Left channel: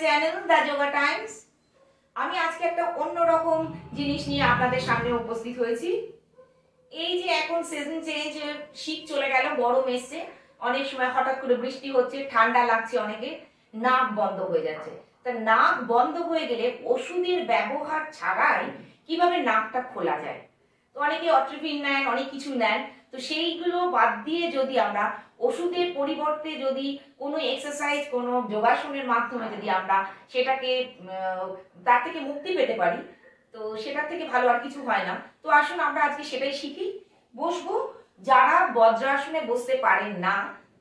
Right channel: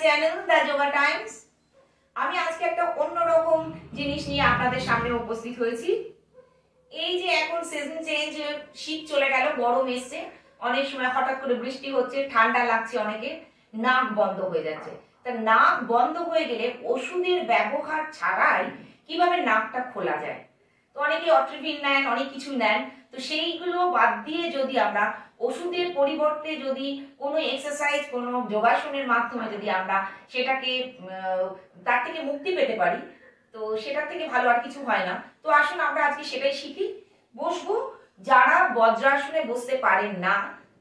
Channel the yoga Times. আমি আজকে একটা অন্যরকম জিনিস নিয়ে আপনাদের সামনে উপস্থিত হয়েছি। এই যে এখন সিজন চেঞ্জ, শীত চলে গেল, গরম এসছে, অনেক সময় হঠাৎ করে বৃষ্টি হচ্ছে, ঠান্ডা লাগছে, অনেকে নাক বন্ধ হয়ে যাচ্ছে। তা নাক বন্ধ হয়ে গেলে ওষুধের ব্যবহার ছাড়াই কিভাবে নাকটা খোলা যায়? তো অনেকে অট্রিপিন নেন, অনেক কিছু নেন। তো সেইগুলো বাদ দিয়ে যদি আমরা ওষুধের পরিবর্তে যদি কোনো এক্সারসাইজ, কোনো যোগাসনের মাধ্যমে যদি আমরা সেটাকে তার থেকে মুক্তি পেতে পারি, তো সেটার থেকে ভালো আর কিছু হয় না। তো আসুন আমরা আজকে সেটাই শিখি। বসবো, যারা বজ্রাসনে বসতে পারেন না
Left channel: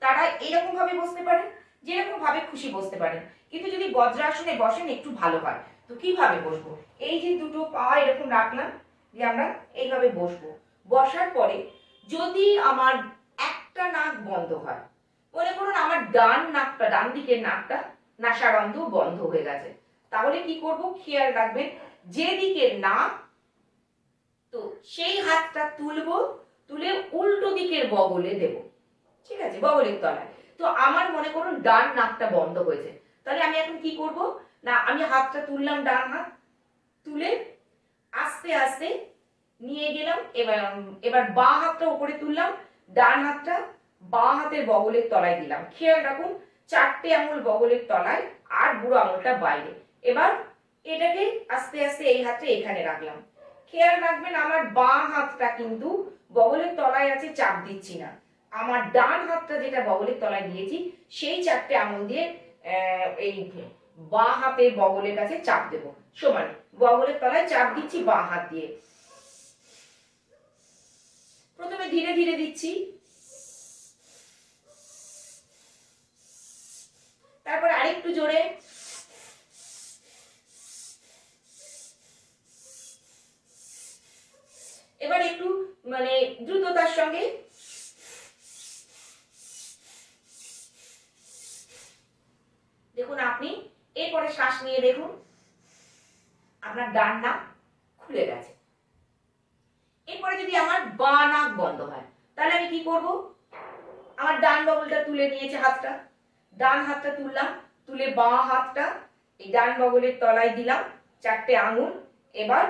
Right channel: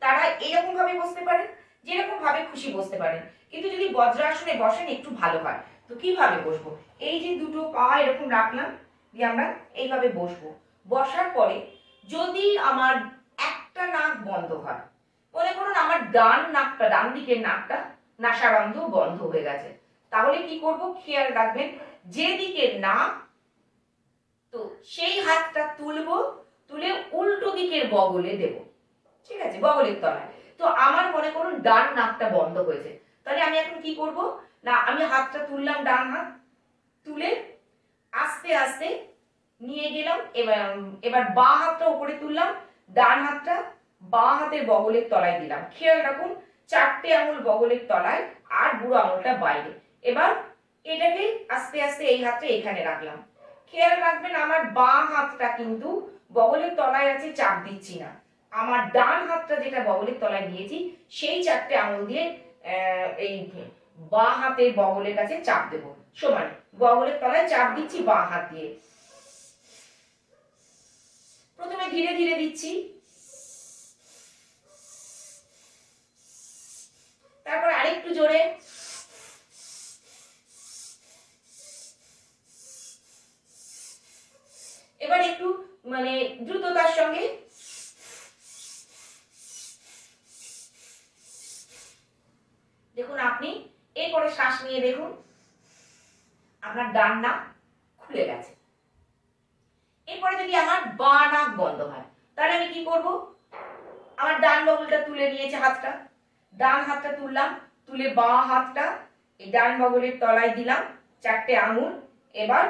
তারা এরকম ভাবে বসতে পারেন, যেরকম ভাবে খুশি বসতে পারেন, কিন্তু যদি বজ্রাসনে বসেন একটু ভালো হয়। তো কিভাবে বসবো? এই যে দুটো পা এরকম রাখলাম, দিয়ে আমরা এইভাবে বসবো। বসার পরে যদি আমার একটা নাক বন্ধ হয়, মনে করুন আমার ডান নাকটা, ডান দিকের নাকটা, নাসারন্ধ্র বন্ধ হয়ে গেছে, তাহলে কি করব? খেয়াল রাখবেন, যেদিকের নাক, তো সেই হাতটা তুলবো, তুলে উল্টো দিকের বগলে দেব। ঠিক আছে, বগলের তলায়। তো আমার মনে করুন ডান নাকটা বন্ধ হয়েছে, তাহলে আমি এখন কি করব না, আমি হাতটা তুললাম, ডান হাত তুলে আস্তে আস্তে নিয়ে গেলাম। এবার বাঁ হাতটা উপরে তুললাম, ডান হাতটা বাঁ হাতের বগলের তলায় দিলাম। খেয়াল রাখুন, 4টে আঙুল বগলের তলায় আর বুড়ো আঙুলটা বাইরে। এবার এটাকে আস্তে আস্তে এই হাতটা এখানে রাখলাম। খেয়াল রাখবেন, আমার বাঁ হাতটা কিন্তু বগলের তলায় আছে, চাপ দিচ্ছি না। আমার ডান হাতটা যেটা বগলের তলায় দিয়েছি, সেই 4টে আঙুল দিয়ে এই বাঁ হাতের বগলের কাছে চাপ দেব। সমানে বগলের তলায় চাপ দিচ্ছি বাঁ হাত দিয়ে। প্রথমে ধীরে ধীরে দিচ্ছি, তারপর আরেকটু জোরে, এবার একটু মানে দ্রুততার সঙ্গে। দেখুন, আপনি এরপরে শ্বাস নিয়ে দেখুন, আপনার ডান নাক খুলে গেছে। এরপরে যদি আমার বাঁ নাক বন্ধ হয়, তাহলে আমি কি করব? আমার ডান বগলটা তুলে নিয়েছে, হাতটা, ডান হাতটা তুললাম, তুলে বাঁ হাতটা এই ডান বগলের তলায় দিলাম, 4টে আঙুল। এবার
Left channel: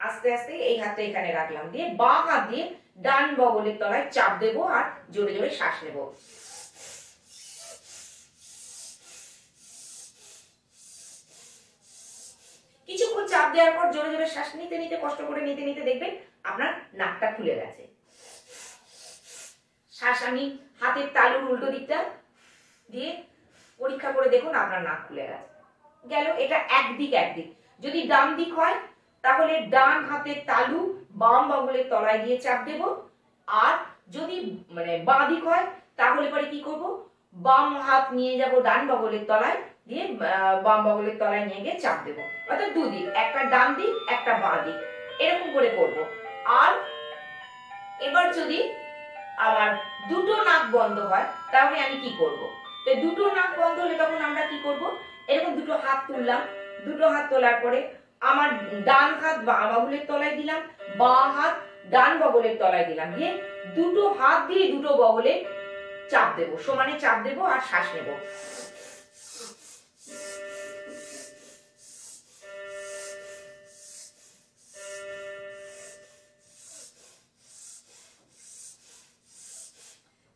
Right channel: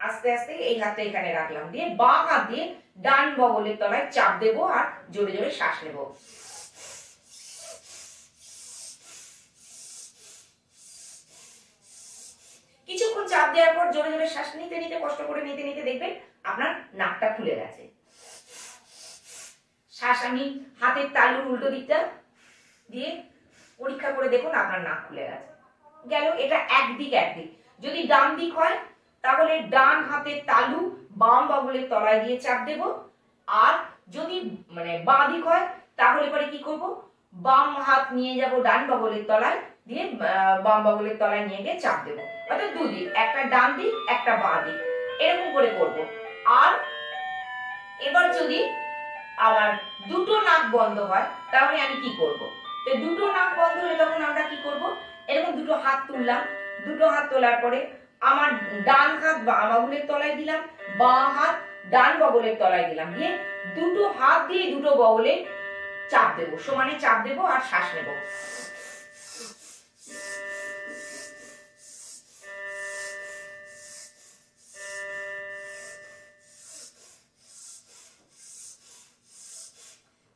আস্তে আস্তে এই হাতটা এখানে রাখলাম, দিয়ে বাঁ হাত দিয়ে ডান বগলের তলায় চাপ দেব আর জোরে জোরে শ্বাস নেব। কিছুক্ষণ চাপ দেওয়ার পর জোরে জোরে শ্বাস নিতে নিতে, কষ্ট করে নিতে নিতে দেখবেন আপনার নাকটা খুলে গেছে। শ্বাস আমি হাতের তালুর উল্টো দিকটা দিয়ে পরীক্ষা করে দেখুন, আপনার নাক খুলে গেছে। গেল, এটা একদিক একদিক। যদি ডান দিক হয় তাহলে ডান হাতের তালু বাম বগলের তলায় দিয়ে চাপ দেব। আর যদি মানে বাঁ দিক হয় তাহলে পরে কি করব? বাম হাত নিয়ে যাব ডান বগলের তলায়, দিয়ে বাম বগলের তলায় নিয়ে গিয়ে চাপ দেব। অর্থাৎ দুদিক, একটা ডান দিক একটা বাঁ দিক, এরকম করে করব। আর এবার যদি আবার দুটো নাক বন্ধ হয় তাহলে আমি কি করব? তো দুটো নাক বন্ধ হলে তখন আমরা কি করব? এরকম দুটো হাত তুললাম, দুটো হাত তোলার পরে আমার ডান হাত বাঁ বগলের তলায় দিলাম, বাঁ হাত ডান বগলের তলায় দিলাম, দিয়ে দুটো হাত দিয়ে দুটো বগলে চাপ দেব, সমানে চাপ দেব আর শ্বাস নেব।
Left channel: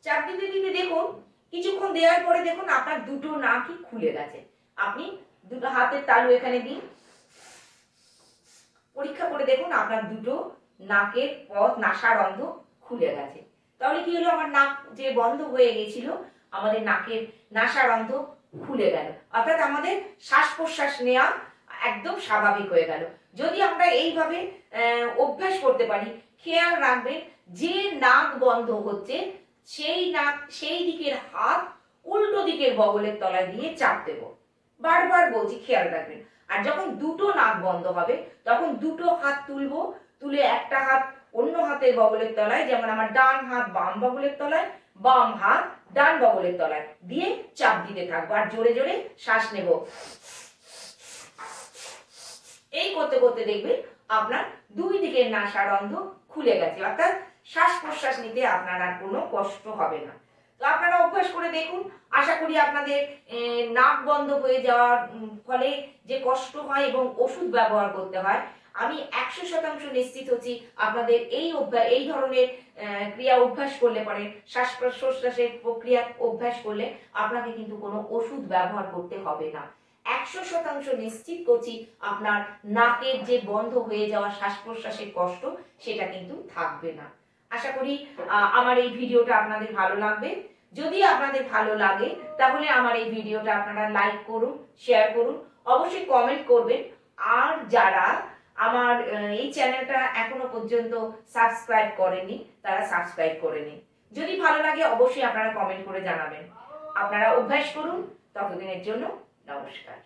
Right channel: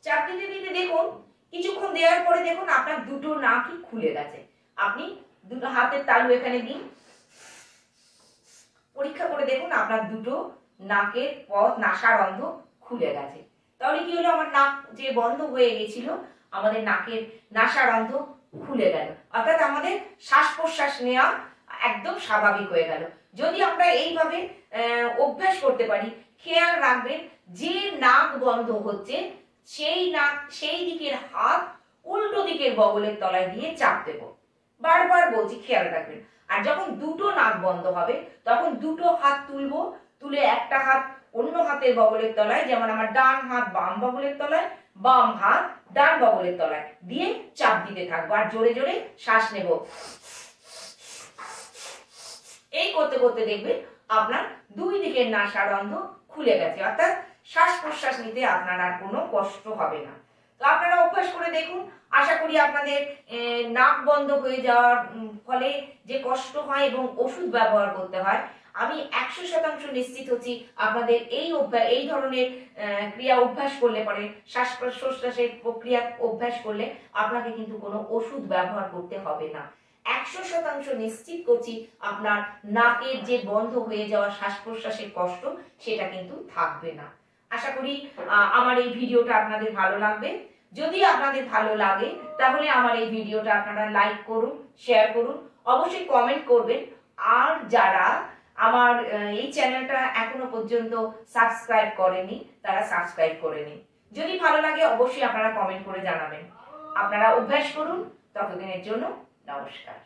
চাপ দিতে দিতে দেখুন, কিছুক্ষণ দেওয়ার পরে দেখুন আপনার দুটো নাকই খুলে গেছে। আপনি দুটো হাতের তালু এখানে দিন, পরীক্ষা করে দেখুন আপনার দুটো নাকের পথ, নাসারন্ধ্র খুলে গেছে। তাহলে কি হলো? আমার নাক যে বন্ধ হয়ে গেছিল, আমাদের নাকের নাসারন্ধ্র খুলে গেল, অর্থাৎ আমাদের শ্বাস প্রশ্বাস নেওয়া একদম স্বাভাবিক হয়ে গেল। যদি আমরা এইভাবে অভ্যাস করতে পারি, খেয়াল রাখবেন, যে নাক বন্ধ হচ্ছে সেই নাক, সেই দিকের হাত উল্টো দিকের বগলের তলায় দিয়ে চাপ দেব। বারবার বলছি, খেয়াল রাখবেন। আর যখন দুটো নাক বন্ধ হবে তখন দুটো হাত তুলবো, তুলে একটা হাত অন্য হাতের বগলের তলায়, যেমন আমার ডান হাত বাম বগলের তলায়, বাম হাত ডান বগলের তলায় দিয়ে চাপ দিতে থাকবো আর জোরে জোরে শ্বাস নেব। এই করতে করতে দেখবেন আপনার দুই দিকের নাসারন্ধ্র খুলে গেছে, অর্থাৎ শ্বাস প্রশ্বাস নিতে আপনার আর কোনো কষ্ট হবে না। তো আপনারা অভ্যাস করে দেখুন, আশা করি আপনাদের নাক বন্ধ হয়ে যাওয়ার ফলে যে কষ্ট হয় এবং ওষুধ ব্যবহার করতে হয়, আমি 100% নিশ্চিত হচ্ছি আপনাদের এই ধরনের ক্রিয়া অভ্যাস করলে পরে শ্বাস প্রশ্বাসের প্রক্রিয়া অভ্যাস করলে আপনাকে কিন্তু কোনো ওষুধ ব্যবহার করতে হবে না। 100% নিশ্চিত করছি আপনার নাকের যে বন্ধ হয়ে যাওয়া শ্বাস প্রশ্বাসের কষ্ট সেটা কিন্তু থাকবে না। আশা করি আমার এই ভিডিওটা আপনাদের ভালো লাগবে। যদি আপনাদের ভালো লাগে তাহলে আমার এই ভিডিওটা আপনারা লাইক করুন, শেয়ার করুন, অবশ্যই কমেন্ট করবেন। আর যারা আমার এই চ্যানেলটা এখনো পর্যন্ত সাবস্ক্রাইব করেনি তারা সাবস্ক্রাইব করে নিন। যদি ভালো লাগে অবশ্যই আপনারা কমেন্ট করে জানাবেন। আপনারা অভ্যাস করুন। ততদিনের জন্য নমস্কার।